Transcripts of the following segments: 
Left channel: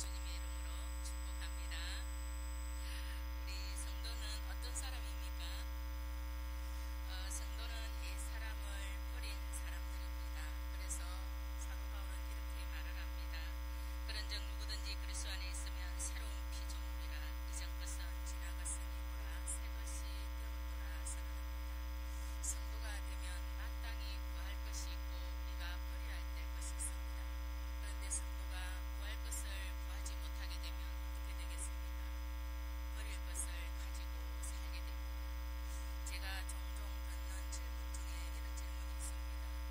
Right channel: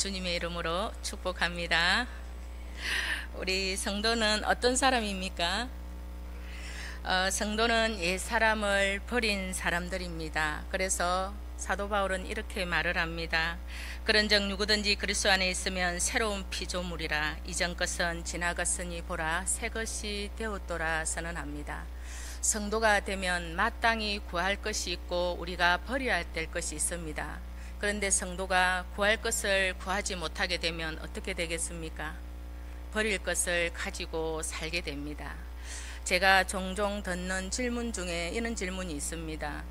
주님의 이름으로 축복합니다. 우리 성도는 어떤 사람입니까? 성도는 옛 사람을 버린 사람들입니다. 그래서 사도 바울은 이렇게 말을 합니다. 그런즉 누구든지 그리스도 안에 있으면 새로운 피조물이라. 이전 것은 지나갔으니 보라 새 것이 되었도라 선언합니다. 성도가 되면 마땅히 구할 것이 있고 우리가 버려야 될 것이 있습니다. 그런데 성도가 구할 것을 구하지 못하게 되면 어떻게 되겠습니까? 버릴 것을 가지고 살게 됩니다. 제가 종종 듣는 질문 중에 이런 질문이 있습니다.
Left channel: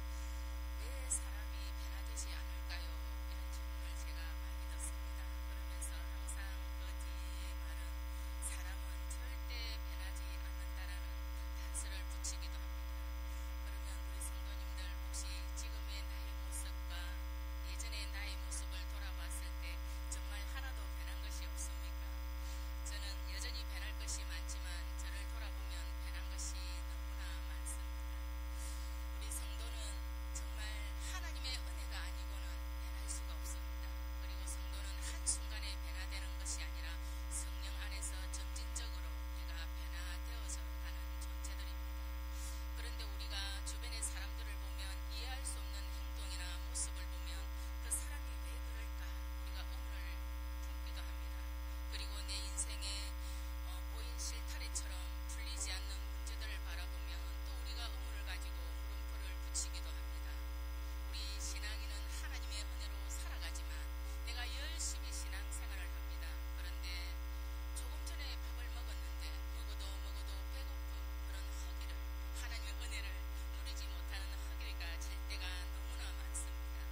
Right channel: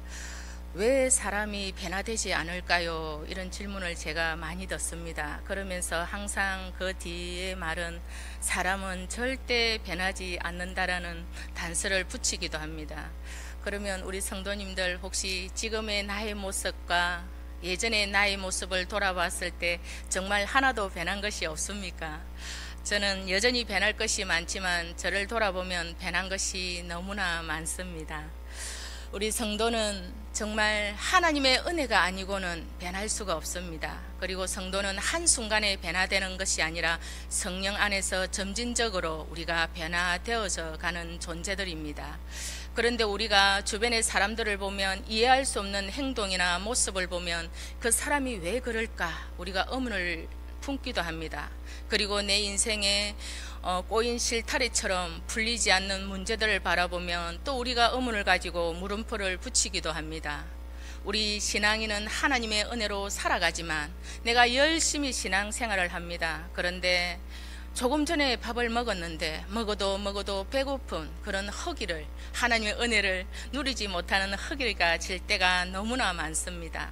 왜 사람이 변화되지 않을까요? 이런 질문을 제가 많이 듣습니다. 그러면서 항상 그 뒤에 말은 사람은 절대 변하지 않는다라는 단서를 붙이기도 합니다. 그러면 우리 성도님들 혹시 지금의 나의 모습과 예전의 나의 모습을 돌아봤을 때 정말 하나도 변한 것이 없습니까? 저는 여전히 변할 것이 많지만 저를 돌아보면 변한 것이 너무나 많습니다. 우리 성도는 정말 하나님의 은혜가 아니고는 변할 수가 없습니다. 그리고 성도는 한순간에 변화되는 것이 아니라 성령 안에서 점진적으로 우리가 변화되어져 가는 존재들입니다. 그런데 우리가 주변의 사람들을 보면 이해할 수 없는 행동이나 모습을 보면 그 사람이 왜 그럴까 우리가 의문을 품기도 합니다. 그리고 내 인생에 꼬인 실타래처럼 풀리지 않는 문제들을 바라보면 또 우리가 의문을 가지고 물음표를 붙이기도 합니다. 우리 신앙인은 하나님의 은혜로 살아가지만 내가 열심히 신앙생활을 합니다. 그런데 조금 전에 밥을 먹었는데 먹어도 배고픈 그런 허기를, 하나님의 은혜를 누리지 못하는 허기가 질 때가 너무나 많습니다.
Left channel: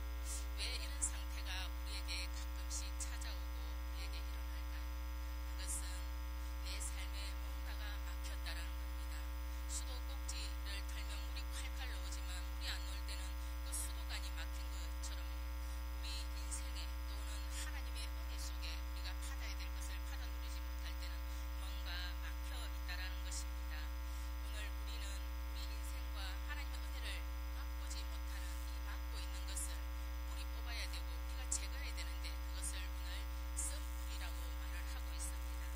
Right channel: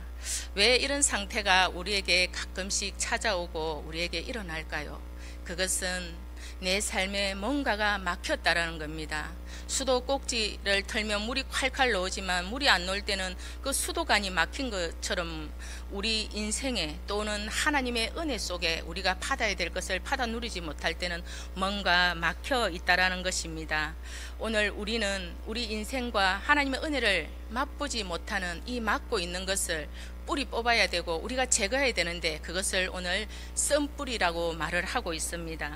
왜 이런 상태가 우리에게 가끔씩 찾아오고 우리에게 일어날까요? 그것은 내 삶에 뭔가가 막혔다라는 겁니다. 수도 꼭지를 털면 물이 콸콸 나오지만 물이 안 나올 때는 그 수도관이 막힌 것처럼 우리 인생에 또는 하나님의 은혜 속에 우리가 받아야 될 것을 받아 누리지 못할 때는 뭔가 막혀 있다라는 것입니다. 오늘 우리는 우리 인생과 하나님의 은혜를 맛보지 못하는 이 막고 있는 것을 뿌리 뽑아야 되고 우리가 제거해야 되는데 그것을 오늘 썬뿌리라고 말을 하고 있습니다.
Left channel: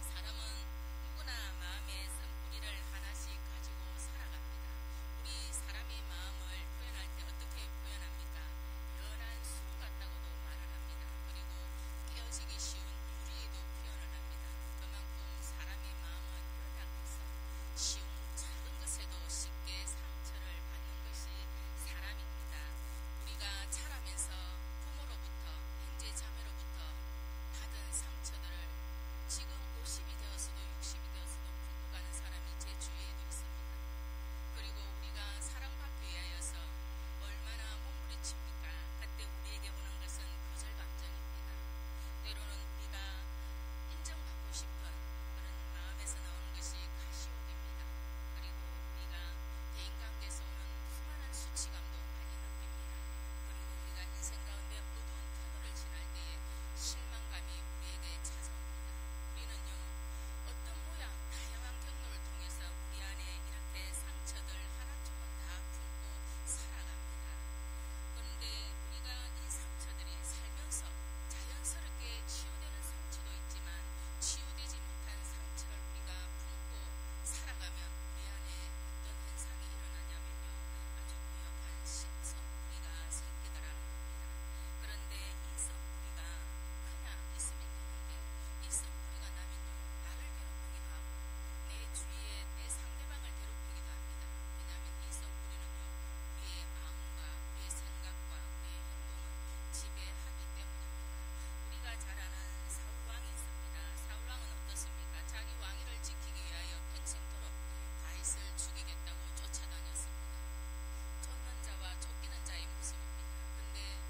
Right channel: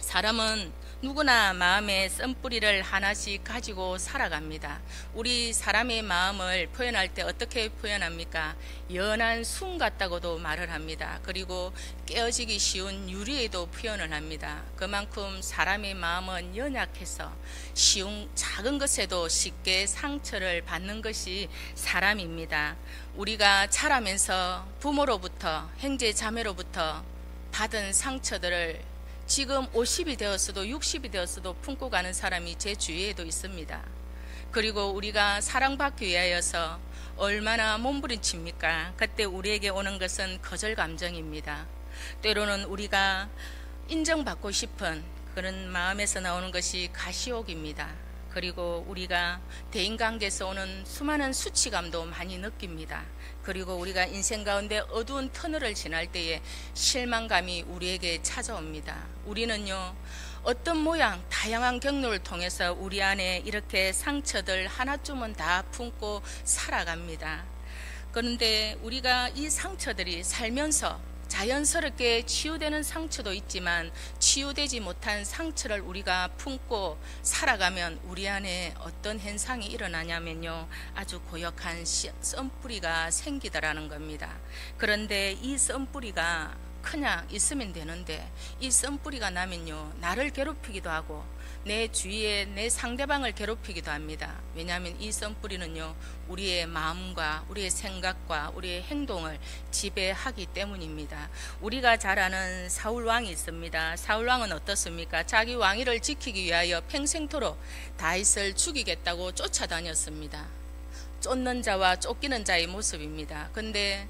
사람은 누구나 마음에 썬뿌리를 하나씩 가지고 살아갑니다. 우리 사람의 마음을 표현할 때 어떻게 표현합니까? 연한 순 같다고도 말을 합니다. 그리고 깨어지기 쉬운 유리에도 표현을 합니다. 그만큼 사람의 마음은 연약해서 쉬운 작은 것에도 쉽게 상처를 받는 것이 사람입니다. 우리가 자라면서 부모로부터 형제 자매로부터 받은 상처들을 지금 50이 되었어도 60이 되었어도 품고 가는 사람이 제 주위에도 있습니다. 그리고 우리가 사랑받기 위하여서 얼마나 몸부림칩니까? 그때 우리에게 오는 것은 거절 감정입니다. 때로는 우리가 인정받고 싶은 그런 마음에서 나오는 것이 가시욕입니다. 그리고 우리가 대인관계에서 오는 수많은 수치감도 많이 느낍니다. 그리고 우리가 인생 가운데 어두운 터널을 지날 때에 실망감이 우리에게 찾아옵니다. 우리는요, 어떤 모양 다양한 경로를 통해서 우리 안에 이렇게 상처들 하나쯤은 다 품고 살아갑니다. 그런데 우리가 이 상처들이 살면서 자연스럽게 치유되는 상처도 있지만 치유되지 못한 상처를 우리가 품고 살아가면 우리 안에 어떤 현상이 일어나냐면요, 아주 고역한 썬뿌리가 생기더라는 겁니다. 그런데 이 썬뿌리가 그냥 있으면 되는데 이 썬뿌리가 나면요, 나를 괴롭히기도 하고 내 주위에 내 상대방을 괴롭히기도 합니다. 왜냐하면 이 썬뿌리는요, 우리의 마음과 우리의 생각과 우리의 행동을 지배하기 때문입니다. 우리가 잘 아는 사울왕이 있습니다. 사울왕은 어떻습니까? 자기 왕위를 지키기 위하여 평생토록 다윗을 죽이겠다고 쫓아다녔습니다. 쫓는 자와 쫓기는 자의 모습입니다. 근데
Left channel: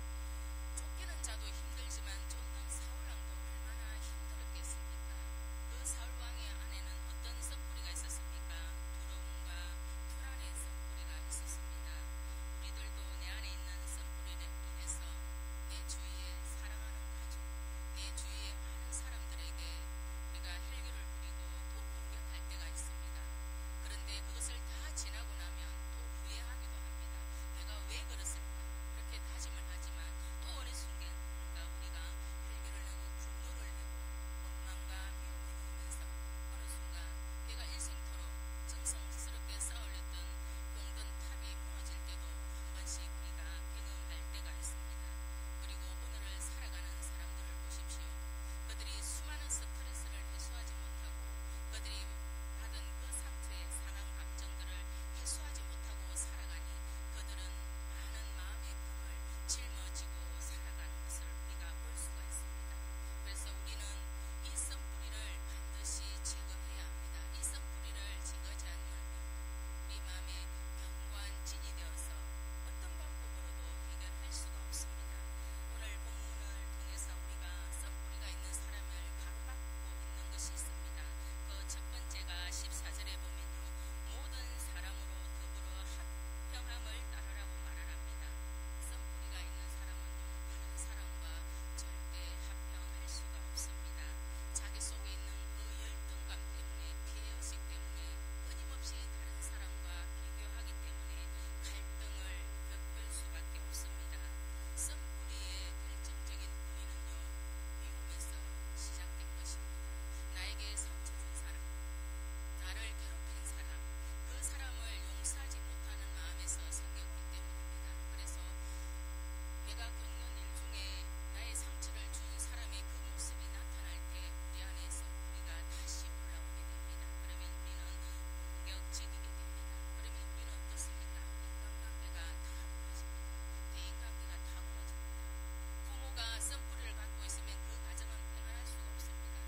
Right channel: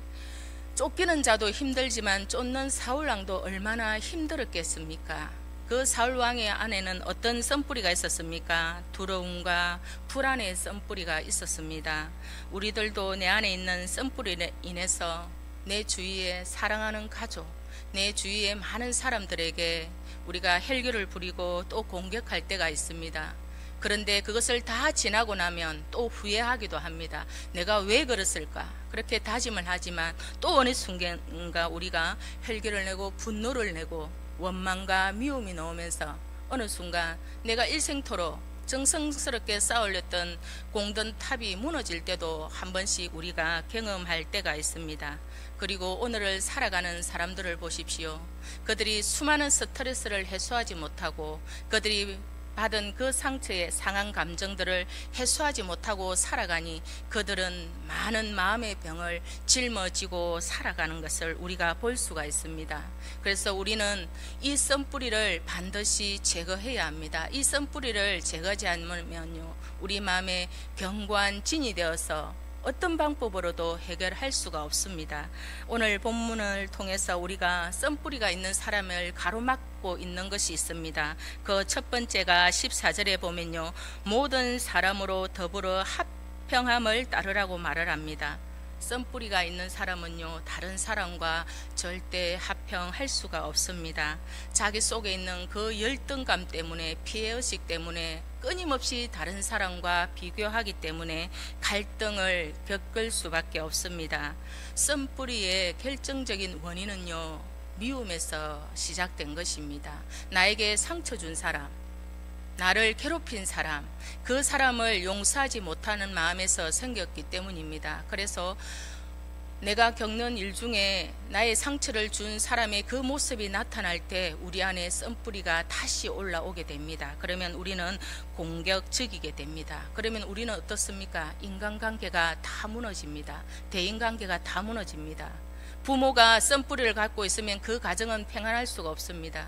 쫓기는 자도 힘들지만 쫓는 사울왕도 얼마나 힘들었겠습니까? 그 사울왕의 안에는 어떤 썬뿌리가 있었습니까? 두려움과 불안의 썬뿌리가 있었습니다. 우리들도 내 안에 있는 썬뿌리로 인해서 내 주위에 사랑하는 가족, 내 주위에 많은 사람들에게 우리가 혈기를 부리고 또 공격할 때가 있습니다. 그런데 그것을 다 지나고 나면 또 후회하기도 합니다. 내가 왜 그랬을까? 그렇게 다짐을 하지만 또 어느 순간인가 우리가 혈기를 내고 분노를 내고 원망과 미움이 나오면서 어느 순간 내가 일생토록 정성스럽게 쌓아올렸던 공든 탑이 무너질 때도 한 번씩 우리가 경험할 때가 있습니다. 그리고 오늘을 살아가는 사람들을 보십시오. 그들이 수많은 스트레스를 해소하지 못하고 그들이 받은 그 상처의 상한 감정들을 해소하지 못하고 살아가니 그들은 많은 마음의 병을 짊어지고 살아가는 것을 우리가 볼 수가 있습니다. 그래서 우리는 이 썬뿌리를 반드시 제거해야 합니다. 이 썬뿌리를 제거하지 않으면요, 우리 마음에 견고한 진이 되어서 어떤 방법으로도 해결할 수가 없습니다. 오늘 본문을 통해서 우리가 썬뿌리가 있는 사람을 가로막고 있는 것이 있습니다. 그 첫 번째가 14절에 보면요, 모든 사람으로 더불어 합평함을 따르라고 말을 합니다. 썬뿌리가 있는 사람은요, 다른 사람과 절대 합평할 수가 없습니다. 자기 속에 있는 그 열등감 때문에, 피해의식 때문에 끊임없이 다른 사람과 비교하기 때문에 갈등을 겪을 수밖에 없습니다. 썬뿌리의 결정적인 원인은요, 미움에서 시작된 것입니다. 나에게 상처 준 사람, 나를 괴롭힌 사람, 그 사람을 용서하지 못하는 마음에서 생겼기 때문입니다. 그래서 내가 겪는 일 중에 나의 상처를 준 사람의 그 모습이 나타날 때 우리 안에 썬뿌리가 다시 올라오게 됩니다. 그러면 우리는 공격적이게 됩니다. 그러면 우리는 어떻습니까? 인간관계가 다 무너집니다. 대인관계가 다 무너집니다. 부모가 썬뿌리를 갖고 있으면 그 가정은 평안할 수가 없습니다.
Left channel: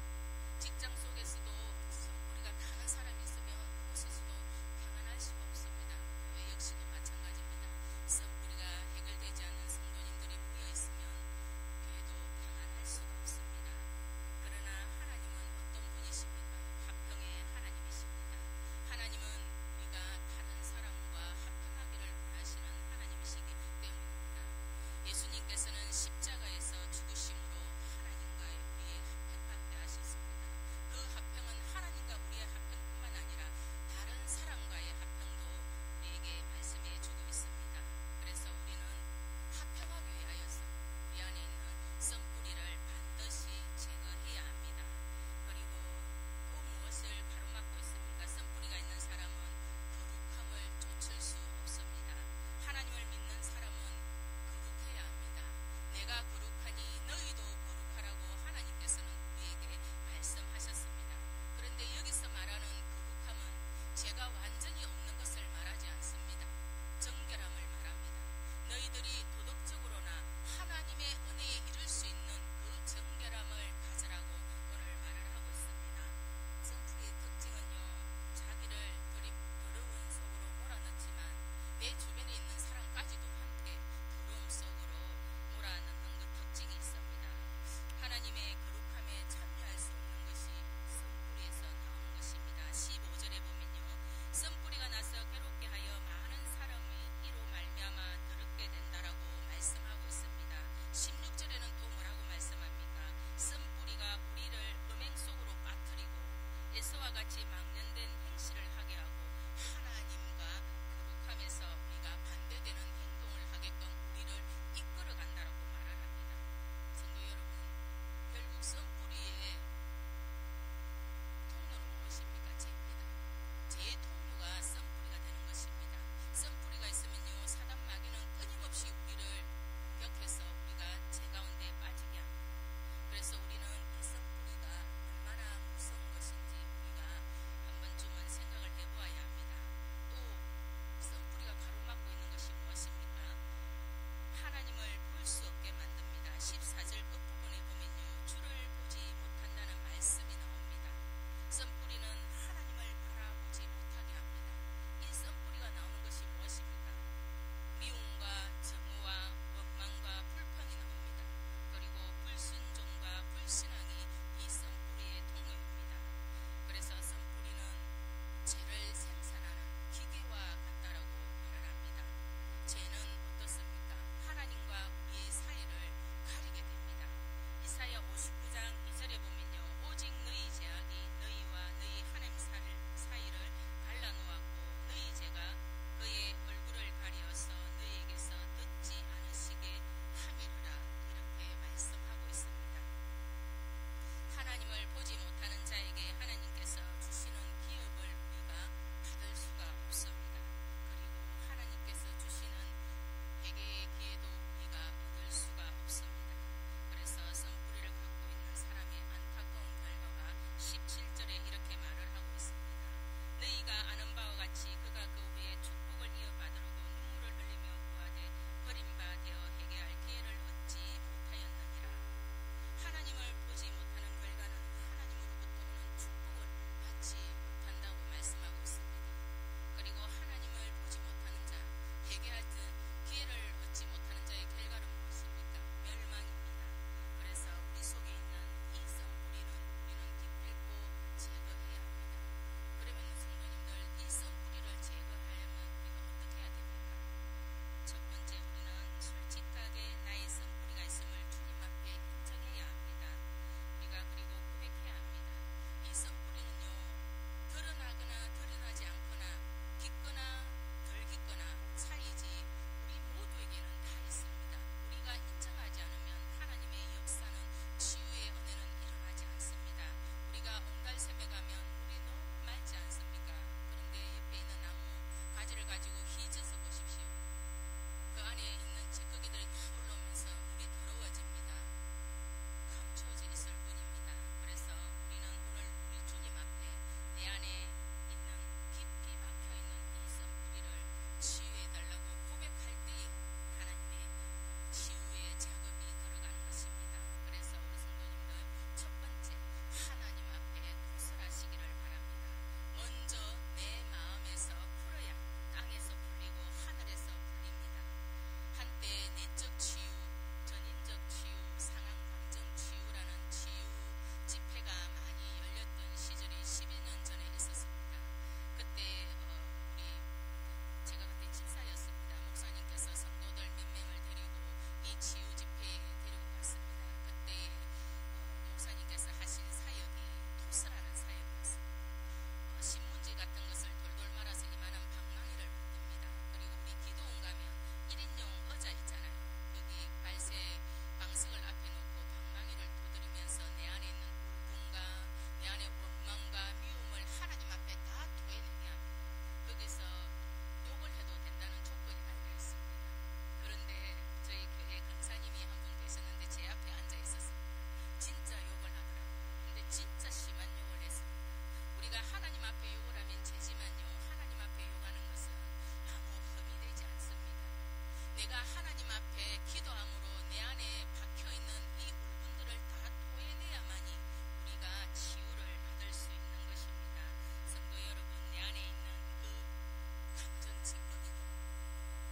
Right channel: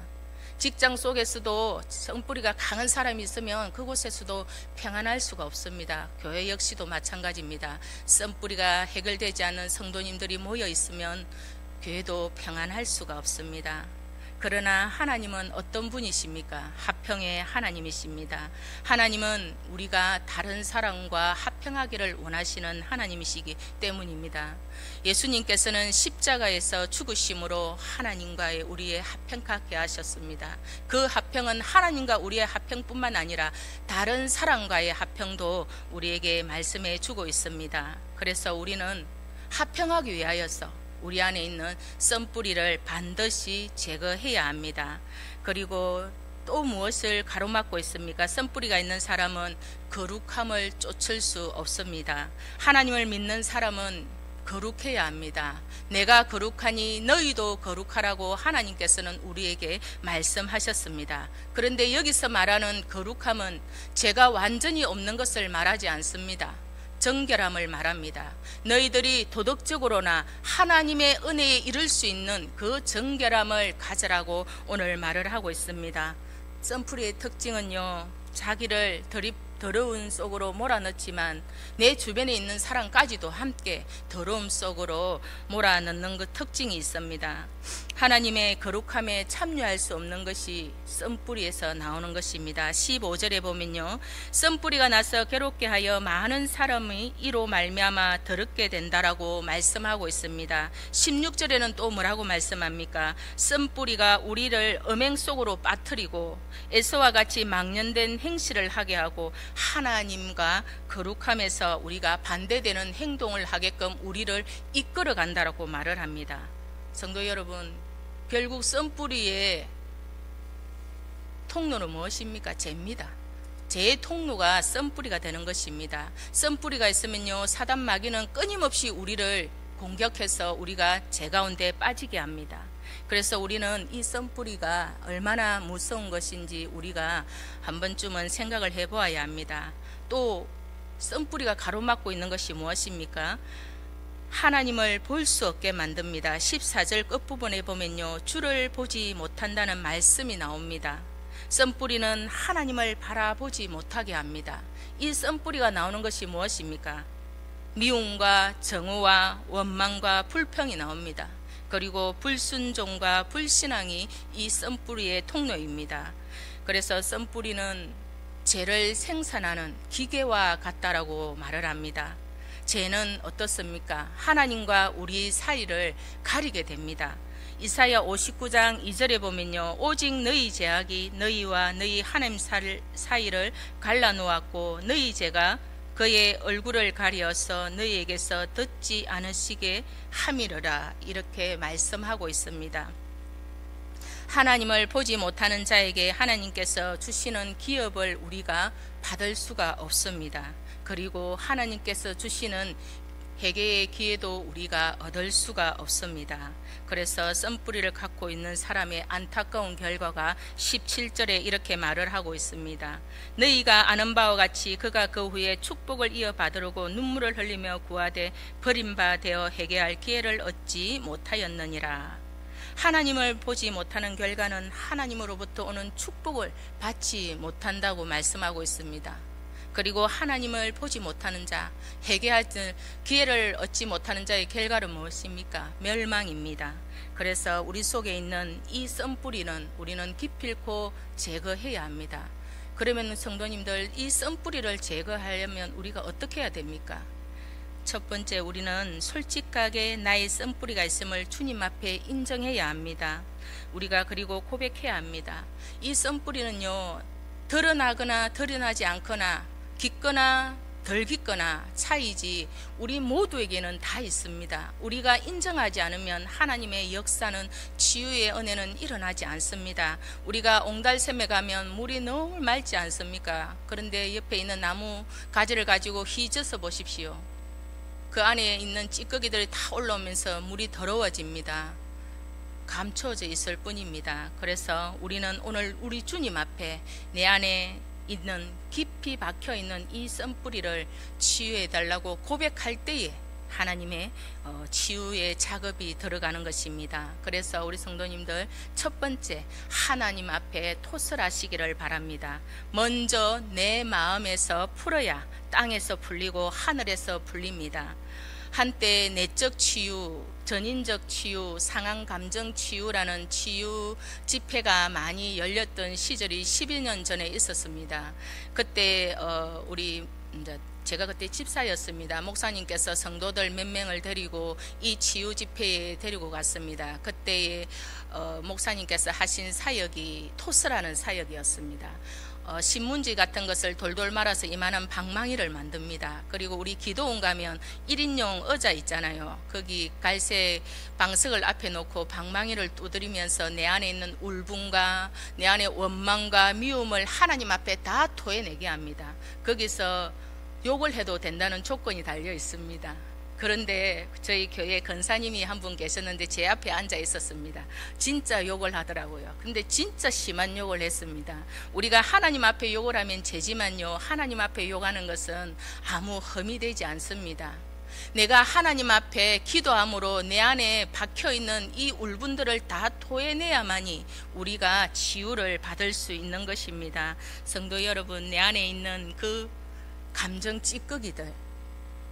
직장 속에서도 썬뿌리가 강한 사람이 있으면 그곳에서도 평안할 수가 없습니다. 교회 역시도 마찬가지입니다. 썬뿌리가 해결되지 않는 성도님들이 모여 있으면 교회도 평안할 수가 없습니다. 그러나 하나님은 어떤 분이십니까? 합평의 하나님이십니다. 하나님은 우리가 다른 사람과 합평하기를 원하시는 하나님이시기 때문입니다. 예수님께서는 십자가에서 죽으심으로 하나님과의 우리의 합평하게 하셨습니다. 그 합평은 하나님과 우리의 합평뿐만 아니라 다른 사람과의 합평도 우리에게 말씀해 주고 있습니다. 그래서 우리는 합평하기 위하여서 우리 안에 있는 썬뿌리를 반드시 제거해야 합니다. 그리고 또 무엇을 가로막고 있습니까? 썬뿌리가 있는 사람은 거룩함을 쫓을 수 없습니다. 하나님을 믿는 사람은 거룩해야 합니다. 내가 거룩하니 너희도 거룩하라고 하나님께서는 우리에게 말씀하셨습니다. 그런데 여기서 말하는 거룩함은 죄가 완전히 없는 것을 말하지 않습니다. 정결함을 말합니다. 너희들이 도덕적으로나 하나님의 은혜에 이를 수 있는 그 정결함을 가져라고 오늘 말을 하고 있습니다. 썬뿌리의 특징은요, 자기를 더러운 속으로 몰아넣지만 내 주변에 있는 사람까지도 함께 더러움 속으로 몰아넣는 그 특징이 있습니다. 하나님의 거룩함에 참여할 수 없는 것이 썬뿌리에서 나오는 것입니다. 15절에 보면요, 썬뿌리가 나서 괴롭게 하여 많은 사람이 이로 말미암아 더럽게 된다라고 말씀하고 있습니다. 16절에는 또 뭐라고 말씀합니까? 썬뿌리가 우리를 음행 속으로 빠뜨리고 에서와 같이 망연된 행실을 하게 하고 하나님과 거룩함에서 우리가 반대되는 행동을 하게끔 우리를 이끌어 간다라고 말을 합니다. 성도 여러분, 결국 썬뿌리의 통로는 무엇입니까? 죄입니다. 죄의 통로가 썬뿌리가 되는 것입니다. 썬뿌리가 있으면요, 사단 마귀는 끊임없이 우리를 공격해서 우리가 죄 가운데 빠지게 합니다. 그래서 우리는 이 썬뿌리가 얼마나 무서운 것인지 우리가 한 번쯤은 생각을 해보아야 합니다. 또 썬뿌리가 가로막고 있는 것이 무엇입니까? 하나님을 볼 수 없게 만듭니다. 14절 끝부분에 보면요, 주를 보지 못한다는 말씀이 나옵니다. 썬뿌리는 하나님을 바라보지 못하게 합니다. 이 썬뿌리가 나오는 것이 무엇입니까? 미움과 정오와 원망과 불평이 나옵니다. 그리고 불순종과 불신앙이 이 썬뿌리의 통로입니다. 그래서 썬뿌리는 죄를 생산하는 기계와 같다라고 말을 합니다. 죄는 어떻습니까? 하나님과 우리 사이를 가리게 됩니다. 이사야 59장 2절에 보면요, 오직 너희 죄악이 너희와 너희 하나님 사이를 갈라놓았고 너희 죄가 그의 얼굴을 가리어서 너희에게서 듣지 않으시게 함이러라, 이렇게 말씀하고 있습니다. 하나님을 보지 못하는 자에게 하나님께서 주시는 기업을 우리가 받을 수가 없습니다. 그리고 하나님께서 주시는 회개의 기회도 우리가 얻을 수가 없습니다. 그래서 썬뿌리를 갖고 있는 사람의 안타까운 결과가 17절에 이렇게 말을 하고 있습니다. 너희가 아는 바와 같이 그가 그 후에 축복을 이어받으려고 눈물을 흘리며 구하되 버림바 되어 회개할 기회를 얻지 못하였느니라. 하나님을 보지 못하는 결과는 하나님으로부터 오는 축복을 받지 못한다고 말씀하고 있습니다. 그리고 하나님을 보지 못하는 자, 회개할 기회를 얻지 못하는 자의 결과는 무엇입니까? 멸망입니다. 그래서 우리 속에 있는 이 썬뿌리는 우리는 기필코 제거해야 합니다. 그러면 성도님들, 이 썬뿌리를 제거하려면 우리가 어떻게 해야 됩니까? 첫 번째, 우리는 솔직하게 나의 썬뿌리가 있음을 주님 앞에 인정해야 합니다. 우리가 그리고 고백해야 합니다. 이 썬뿌리는요, 드러나거나 드러나지 않거나 깊거나 덜 깊거나 차이지 우리 모두에게는 다 있습니다. 우리가 인정하지 않으면 하나님의 역사는, 치유의 은혜는 일어나지 않습니다. 우리가 옹달샘에 가면 물이 너무 맑지 않습니까? 그런데 옆에 있는 나무 가지를 가지고 휘저서 보십시오. 그 안에 있는 찌꺼기들이 다 올라오면서 물이 더러워집니다. 감춰져 있을 뿐입니다. 그래서 우리는 오늘 우리 주님 앞에 내 안에 있는 깊이 박혀있는 이 썬뿌리를 치유해 달라고 고백할 때에 하나님의 치유의 작업이 들어가는 것입니다. 그래서 우리 성도님들, 첫 번째, 하나님 앞에 토설하시기를 바랍니다. 먼저 내 마음에서 풀어야 땅에서 풀리고 하늘에서 풀립니다. 한때 내적 치유, 전인적 치유, 상황 감정 치유라는 치유 집회가 많이 열렸던 시절이 11년 전에 있었습니다. 그때 제가 그때 집사였습니다. 목사님께서 성도들 몇 명을 데리고 이 치유 집회에 데리고 갔습니다. 그때 목사님께서 하신 사역이 토스라는 사역이었습니다. 신문지 같은 것을 돌돌 말아서 이만한 방망이를 만듭니다. 그리고 우리 기도원 가면 1인용 의자 있잖아요. 거기 갈색 방석을 앞에 놓고 방망이를 두드리면서 내 안에 있는 울분과 내 안에 원망과 미움을 하나님 앞에 다 토해내게 합니다. 거기서 욕을 해도 된다는 조건이 달려 있습니다. 그런데 저희 교회 권사님이 한 분 계셨는데 제 앞에 앉아 있었습니다. 진짜 욕을 하더라고요. 근데 진짜 심한 욕을 했습니다. 우리가 하나님 앞에 욕을 하면 죄지만요, 하나님 앞에 욕하는 것은 아무 흠이 되지 않습니다. 내가 하나님 앞에 기도함으로 내 안에 박혀있는 이 울분들을 다 토해내야만이 우리가 치유를 받을 수 있는 것입니다. 성도 여러분, 내 안에 있는 그 감정 찌꺼기들,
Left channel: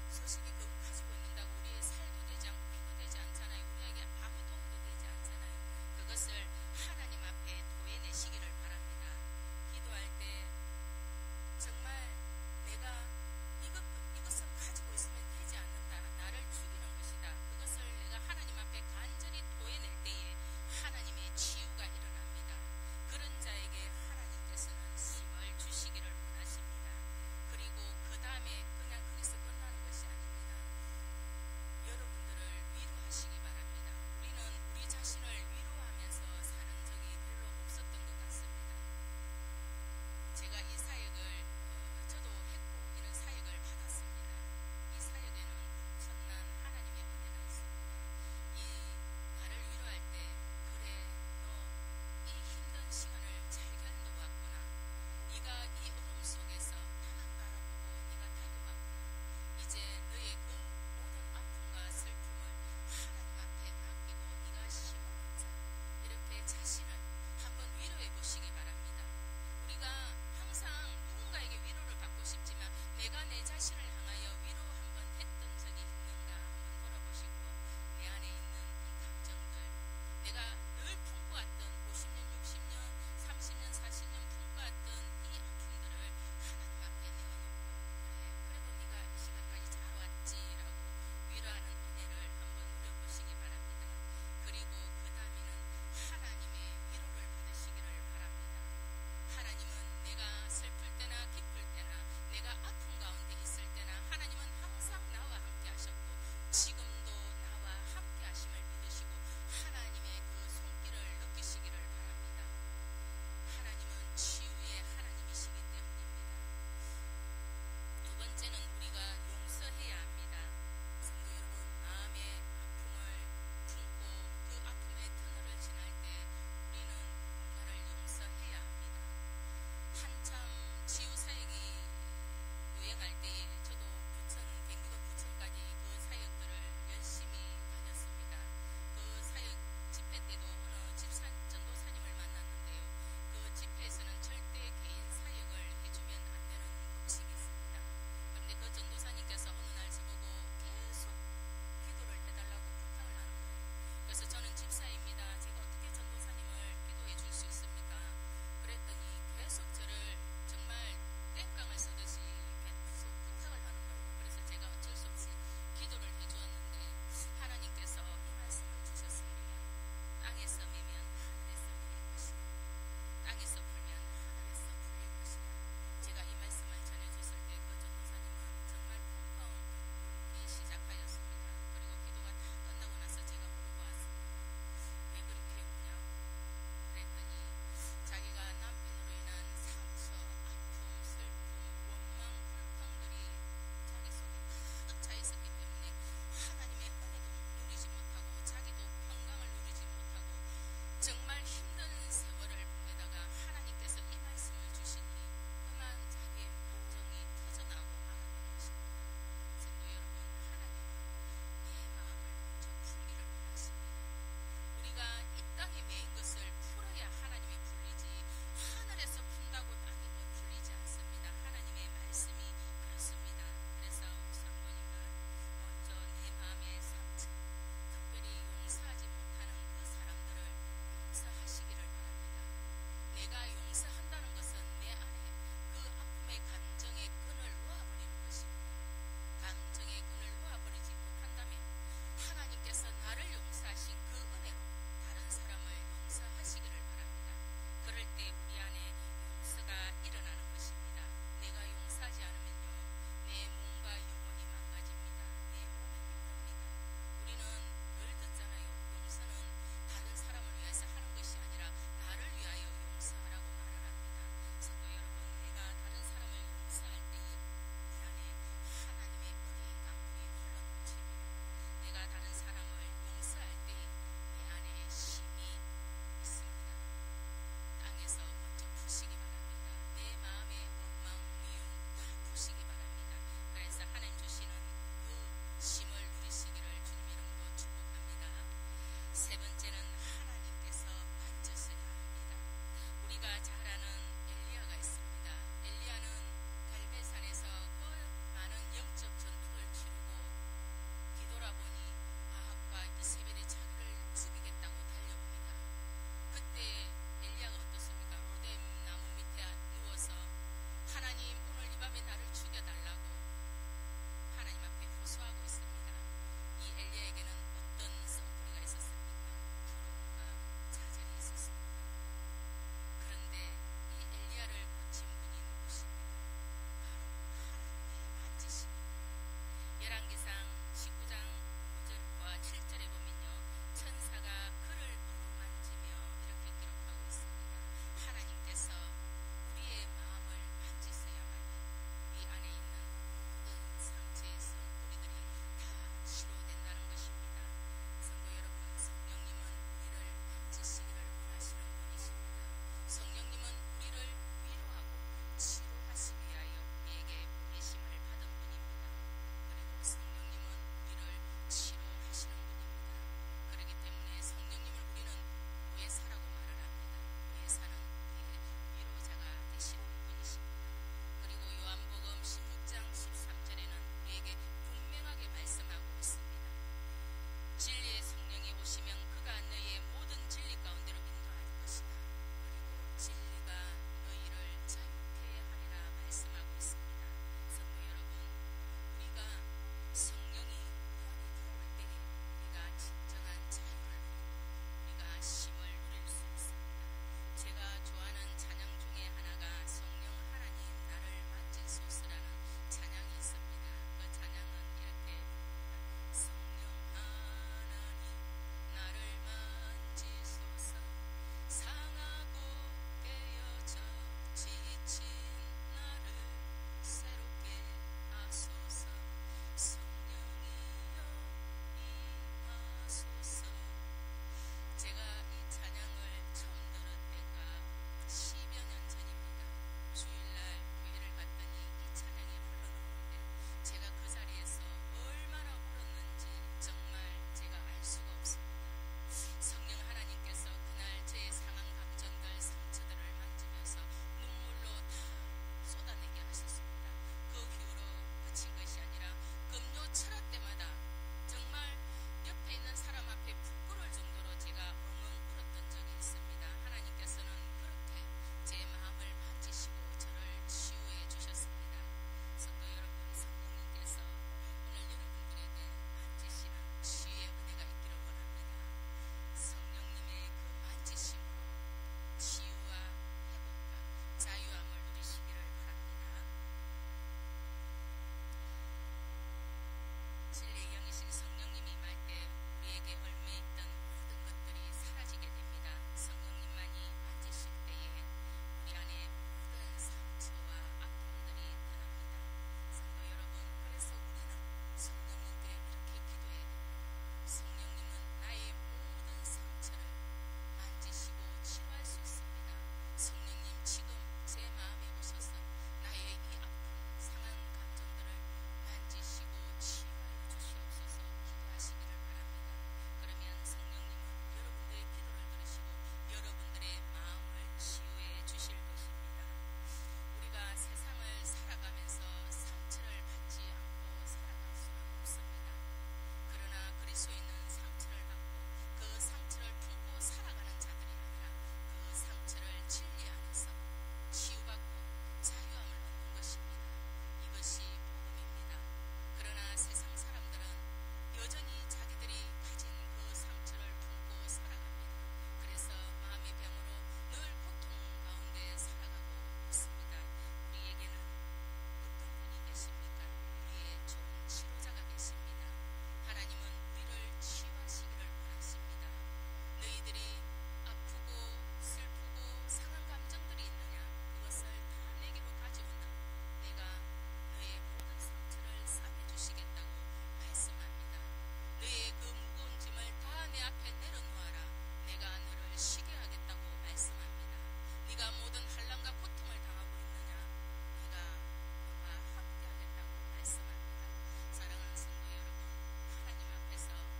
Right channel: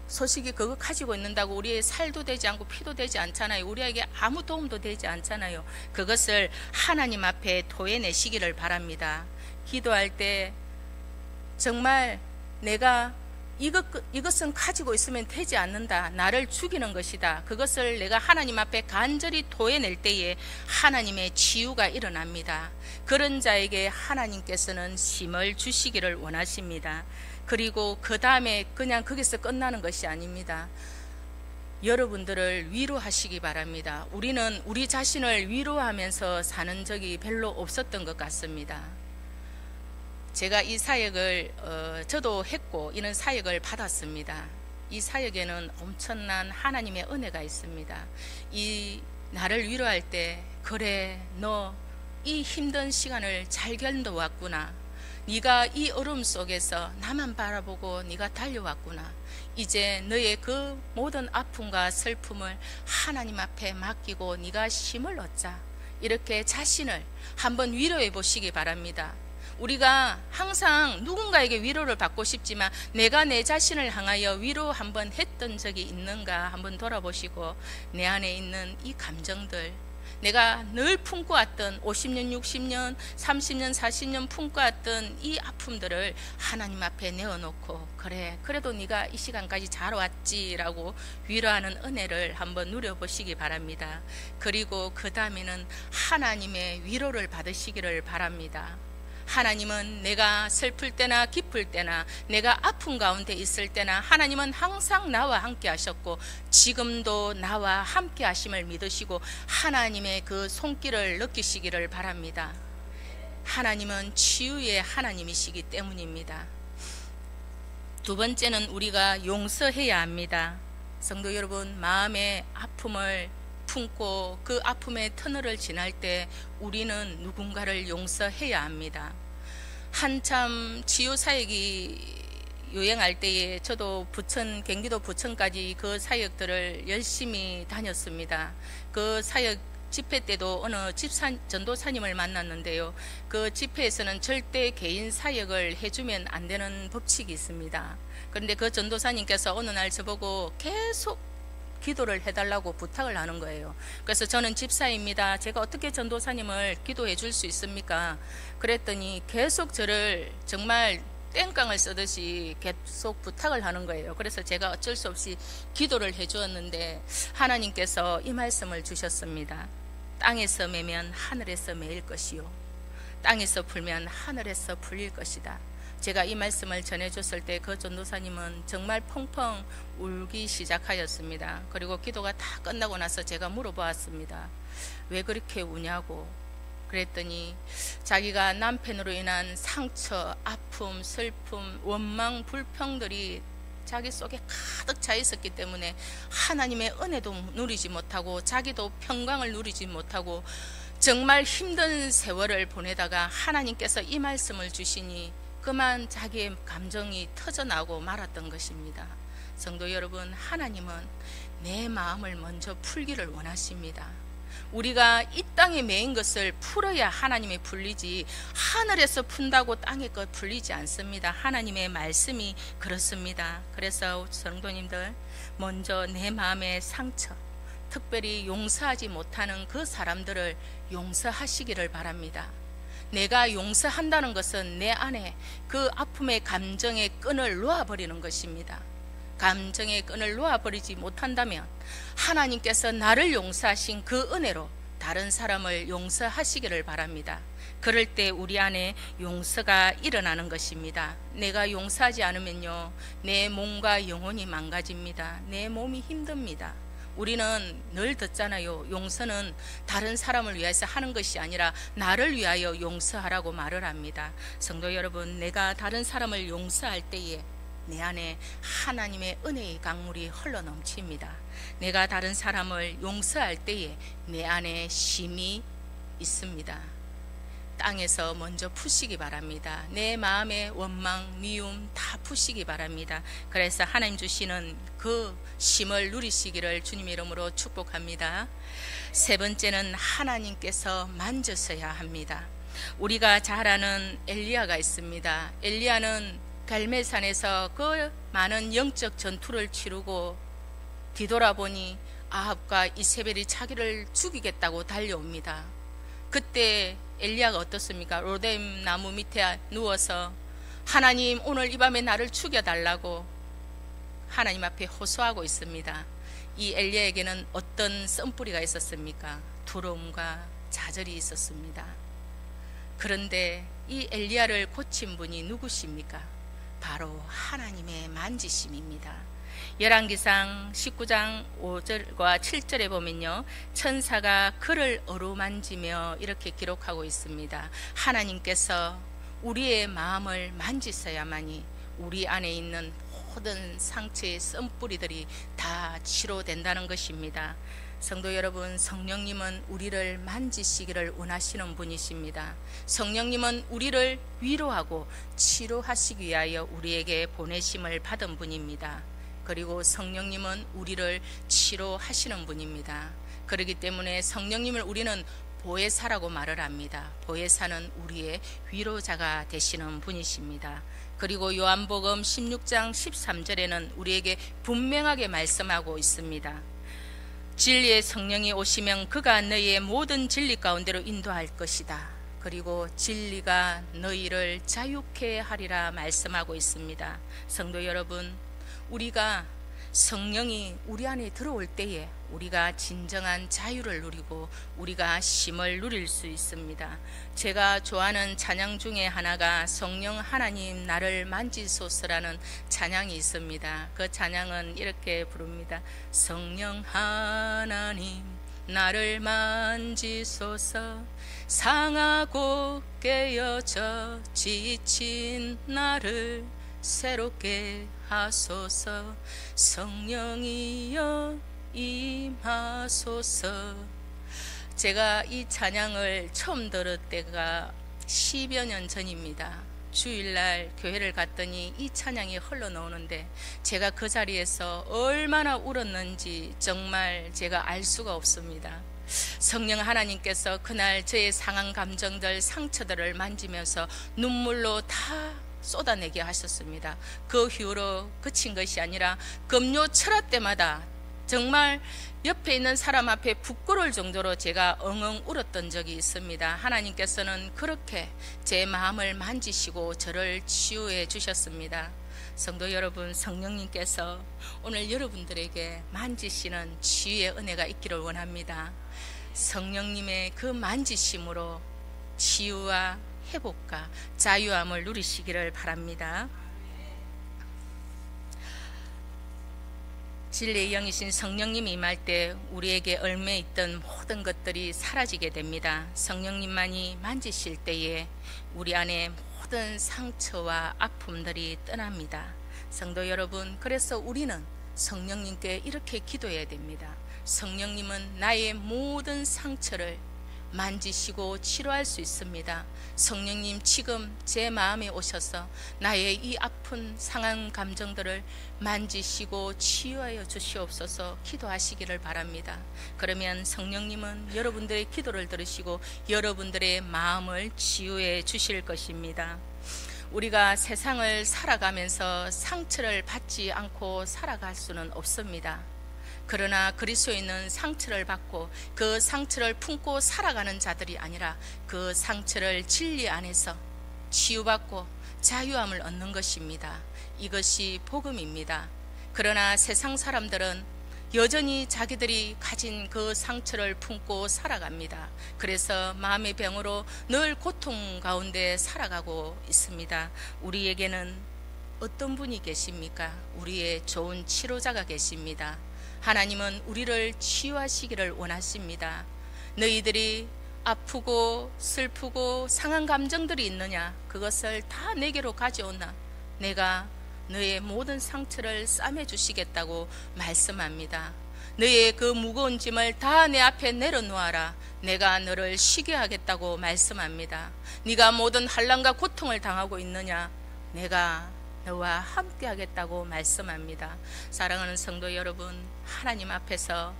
소식이 그거 가지고 있는다고 우리의 살도 되지 않고 피도 되지 않잖아요. 우리에게 아무 도움도 되지 않잖아요. 그것을 하나님 앞에 토해내시기를 바랍니다. 기도할 때 정말 내가 이것은 가지고 있으면 되지 않는다, 나를 죽이는 것이다, 그것을 내가 하나님 앞에 간절히 토해낼 때에 하나님의 치유가 일어납니다. 그런 자에게 하나님께서는 힘을 주시기를 원하십니다. 그리고 그 다음에 그냥 거기서 끝나는 것이 아닙니다. 여러분들을 위로하시기 바랍니다. 우리는 우리 자신을 위로하면서 사는 적이 별로 없었던 것 같습니다. 제가 이 사역을 저도 했고 이런 사역을 받았습니다. 이 사역에는 엄청난 하나님의 은혜가 있습니다. 이 나를 위로할 때, 그래, 너 이 힘든 시간을 잘 견뎌왔구나, 네가 이 어려움 속에서 나만 바라보고 네가 달려왔구나, 이제 너의 그 모든 아픔과 슬픔을 하나님 앞에 맡기고 네가 힘을 얻자, 이렇게 자신을 한번 위로해 보시기 바랍니다. 우리가 항상 누군가에게 위로를 받고 싶지만 내가 내 자신을 향하여 위로 한번 했던 적이 있는가 한번 돌아보시고 내 안에 있는 이 감정들, 내가 늘 품고 왔던 50년, 60년, 30년, 40년 품고 왔던 이 아픔들을 하나님 앞에 내어놓고 그래, 그래도 네가 이 시간까지 잘 왔지라고 위로하는 은혜를 한번 누려보시기 바랍니다. 그리고 그 다음에는 하나님의 위로를 받으시기를 바랍니다. 하나님은 내가 슬플 때나 기쁠 때나 내가 아픔 가운데 있을 때나 하나님은 항상 나와 함께 하셨고 지금도 나와 함께 하심을 믿으시고 하나님의 그 손길을 느끼시기를 바랍니다. 하나님은 치유의 하나님이시기 때문입니다. 두 번째는 우리가 용서해야 합니다. 성도 여러분, 마음의 아픔을 품고 그 아픔의 터널을 지날 때 우리는 누군가를 용서해야 합니다. 한참 치유 사역이 유행할 때에 저도 경기도 부천까지 그 사역들을 열심히 다녔습니다. 그 사역 집회 때도 어느 전도사님을 만났는데요. 그 집회에서는 절대 개인 사역을 해주면 안 되는 법칙이 있습니다. 그런데 그 전도사님께서 어느 날 저보고 계속 기도를 해달라고 부탁을 하는 거예요. 그래서 저는 집사입니다. 제가 어떻게 전도사님을 기도해 줄 수 있습니까? 그랬더니 계속 저를 정말 땡깡을 쓰듯이 계속 부탁을 하는 거예요. 그래서 제가 어쩔 수 없이 기도를 해 주었는데 하나님께서 이 말씀을 주셨습니다. 땅에서 매면 하늘에서 매일 것이요 땅에서 풀면 하늘에서 풀릴 것이다. 제가 이 말씀을 전해줬을 때 그 전도사님은 정말 펑펑 울기 시작하였습니다. 그리고 기도가 다 끝나고 나서 제가 물어보았습니다. 왜 그렇게 우냐고. 그랬더니 자기가 남편으로 인한 상처, 아픔, 슬픔, 원망, 불평들이 자기 속에 가득 차 있었기 때문에 하나님의 은혜도 누리지 못하고 자기도 평강을 누리지 못하고 정말 힘든 세월을 보내다가 하나님께서 이 말씀을 주시니 그만 자기의 감정이 터져나오고 말았던 것입니다. 성도 여러분, 하나님은 내 마음을 먼저 풀기를 원하십니다. 우리가 이 땅에 매인 것을 풀어야 하나님의 풀리지 하늘에서 푼다고 땅의 것 풀리지 않습니다. 하나님의 말씀이 그렇습니다. 그래서 성도님들, 먼저 내 마음의 상처, 특별히 용서하지 못하는 그 사람들을 용서하시기를 바랍니다. 내가 용서한다는 것은 내 안에 그 아픔의 감정의 끈을 놓아버리는 것입니다. 감정의 끈을 놓아버리지 못한다면 하나님께서 나를 용서하신 그 은혜로 다른 사람을 용서하시기를 바랍니다. 그럴 때 우리 안에 용서가 일어나는 것입니다. 내가 용서하지 않으면요, 내 몸과 영혼이 망가집니다. 내 몸이 힘듭니다. 우리는 늘 듣잖아요. 용서는 다른 사람을 위해서 하는 것이 아니라 나를 위하여 용서하라고 말을 합니다. 성도 여러분, 내가 다른 사람을 용서할 때에 내 안에 하나님의 은혜의 강물이 흘러넘칩니다. 내가 다른 사람을 용서할 때에 내 안에 쉼이 있습니다. 땅에서 먼저 푸시기 바랍니다. 내 마음의 원망, 미움 다 푸시기 바랍니다. 그래서 하나님 주시는 그 쉼을 누리시기를 주님 이름으로 축복합니다. 세 번째는 하나님께서 만져서야 합니다. 우리가 잘 아는 엘리야가 있습니다. 엘리야는 갈멜산에서 그 많은 영적 전투를 치르고 뒤돌아보니 아합과 이세벨이 자기를 죽이겠다고 달려옵니다. 그때 엘리야가 어떻습니까? 로뎀 나무 밑에 누워서 하나님, 오늘 이 밤에 나를 죽여달라고 하나님 앞에 호소하고 있습니다. 이 엘리야에게는 어떤 썬뿌리가 있었습니까? 두려움과 좌절이 있었습니다. 그런데 이 엘리야를 고친 분이 누구십니까? 바로 하나님의 만지심입니다. 열왕기상 19장 5절과 7절에 보면요, 천사가 그를 어루만지며 이렇게 기록하고 있습니다. 하나님께서 우리의 마음을 만지셔야만이 우리 안에 있는 모든 상처의 썬뿌리들이 다 치료된다는 것입니다. 성도 여러분, 성령님은 우리를 만지시기를 원하시는 분이십니다. 성령님은 우리를 위로하고 치료하시기 위하여 우리에게 보내심을 받은 분입니다. 그리고 성령님은 우리를 치료하시는 분입니다. 그렇기 때문에 성령님을 우리는 보혜사라고 말을 합니다. 보혜사는 우리의 위로자가 되시는 분이십니다. 그리고 요한복음 16장 13절에는 우리에게 분명하게 말씀하고 있습니다. 진리의 성령이 오시면 그가 너희의 모든 진리 가운데로 인도할 것이다. 그리고 진리가 너희를 자유케 하리라 말씀하고 있습니다. 성도 여러분, 우리가 성령이 우리 안에 들어올 때에 우리가 진정한 자유를 누리고 우리가 쉼을 누릴 수 있습니다. 제가 좋아하는 찬양 중에 하나가 성령 하나님 나를 만지소서라는 찬양이 있습니다. 그 찬양은 이렇게 부릅니다. 성령 하나님 나를 만지소서, 상하고 깨어져 지친 나를 새롭게 하소서, 성령이여 임하소서. 제가 이 찬양을 처음 들을 때가 10여 년 전입니다. 주일날 교회를 갔더니 이 찬양이 흘러나오는데 제가 그 자리에서 얼마나 울었는지 정말 제가 알 수가 없습니다. 성령 하나님께서 그날 저의 상한 감정들, 상처들을 만지면서 눈물로 다 쏟아내게 하셨습니다. 그 후로 그친 것이 아니라 금요 철학 때마다 정말 옆에 있는 사람 앞에 부끄러울 정도로 제가 엉엉 울었던 적이 있습니다. 하나님께서는 그렇게 제 마음을 만지시고 저를 치유해 주셨습니다. 성도 여러분, 성령님께서 오늘 여러분들에게 만지시는 치유의 은혜가 있기를 원합니다. 성령님의 그 만지심으로 치유와 회복과 자유함을 누리시기를 바랍니다. 진리의 영이신 성령님이 임할 때 우리에게 얽매 있던 모든 것들이 사라지게 됩니다. 성령님만이 만지실 때에 우리 안에 모든 상처와 아픔들이 떠납니다. 성도 여러분, 그래서 우리는 성령님께 이렇게 기도해야 됩니다. 성령님은 나의 모든 상처를 만지시고 치료할 수 있습니다. 성령님, 지금 제 마음에 오셔서 나의 이 아픈 상한 감정들을 만지시고 치유하여 주시옵소서 기도하시기를 바랍니다. 그러면 성령님은 여러분들의 기도를 들으시고 여러분들의 마음을 치유해 주실 것입니다. 우리가 세상을 살아가면서 상처를 받지 않고 살아갈 수는 없습니다. 그러나 그리스도인은 상처를 받고 그 상처를 품고 살아가는 자들이 아니라 그 상처를 진리 안에서 치유받고 자유함을 얻는 것입니다. 이것이 복음입니다. 그러나 세상 사람들은 여전히 자기들이 가진 그 상처를 품고 살아갑니다. 그래서 마음의 병으로 늘 고통 가운데 살아가고 있습니다. 우리에게는 어떤 분이 계십니까? 우리의 좋은 치료자가 계십니다. 하나님은 우리를 치유하시기를 원하십니다. 너희들이 아프고 슬프고 상한 감정들이 있느냐? 그것을 다 내게로 가져오나 내가 너의 모든 상처를 싸매 주시겠다고 말씀합니다. 너의 그 무거운 짐을 다 내 앞에 내려놓아라. 내가 너를 쉬게 하겠다고 말씀합니다. 네가 모든 환난과 고통을 당하고 있느냐? 내가 너와 함께 하겠다고 말씀합니다. 사랑하는 성도 여러분, 하나님 앞에서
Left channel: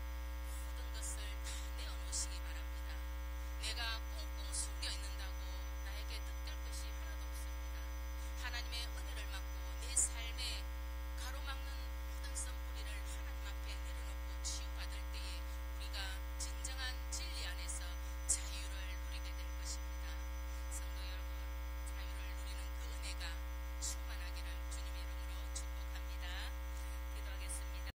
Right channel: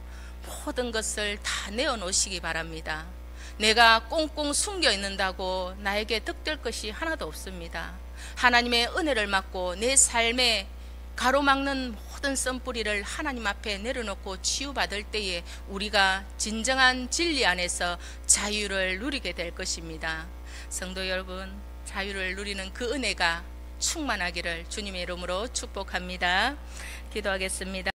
모든 것을 다 내어놓으시기 바랍니다. 내가 꽁꽁 숨겨 있는다고 나에게 득될 것이 하나도 없습니다. 하나님의 은혜를 받고 내 삶에 가로막는 모든 썬뿌리를 하나님 앞에 내려놓고 치유받을 때에 우리가 진정한 진리 안에서 자유를 누리게 될 것입니다. 성도 여러분, 자유를 누리는 그 은혜가 충만하기를 주님의 이름으로 축복합니다. 기도하겠습니다.